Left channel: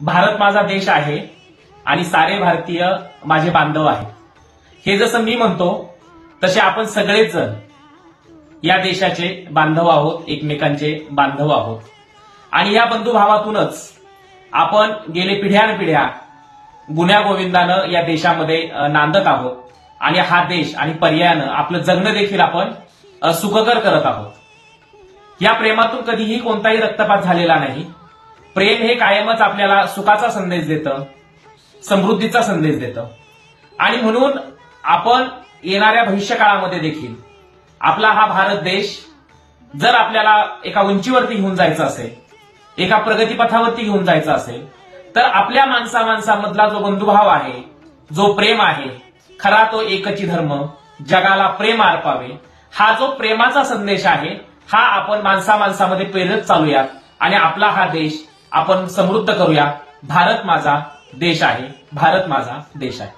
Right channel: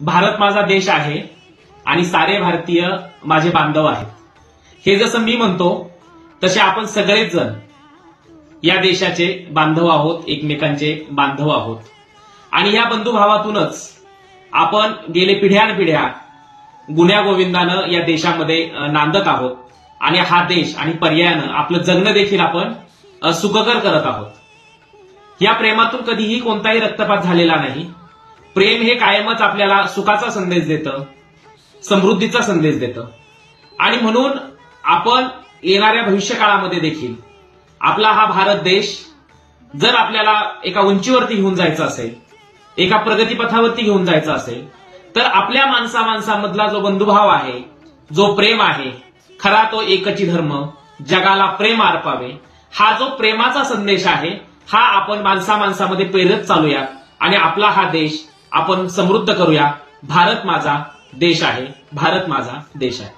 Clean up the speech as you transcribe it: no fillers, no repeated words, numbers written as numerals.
भारत माझा देश आहे आणि सारे भारतीय माझे बांधव आहेत. हे जसं मी म्हणतो तसे आपण सगळेच जण या देशाचे बांधव आहोत, एकमेकांचे बांधव आहोत. आणि या बंधुभावातूनच आपण गेले पिढ्यानपिढ्या गुण्यागोविंदानं या देशामध्ये नांदत आहोत आणि हा देश आणि पर्यायानं आपलं जगणं देखील आपण सुखकर करत आहोत. या प्रेमातून कधीही कोणताही रक्तपात झालेला नाही. प्रेम हे कायमच आपल्याला सुखाचा संदेश देतं, समृद्धीचा संदेश देतं. आणि म्हणून आपण येणाऱ्या भविष्यकाळामध्ये देखील आपला हा भारत देश जर आपल्याला एका उंचीवरती घेऊन जायचं असेल, एका प्रगतीपथावरती घेऊन जायचं असेल, तर आपल्या माणसामधला जो बंधुभाव आहे, जो प्रेम आहे, खरा तो एकची धर्म, जगाला प्रेम अर्पावे, हा जो प्रेमाचा संदेश आहे हा आपण माणसामध्ये पेरत चालूयात आणि आपला हा देश आपण समृद्ध करूया. भारत माझा देश आहे, भारत माझा देश आहे.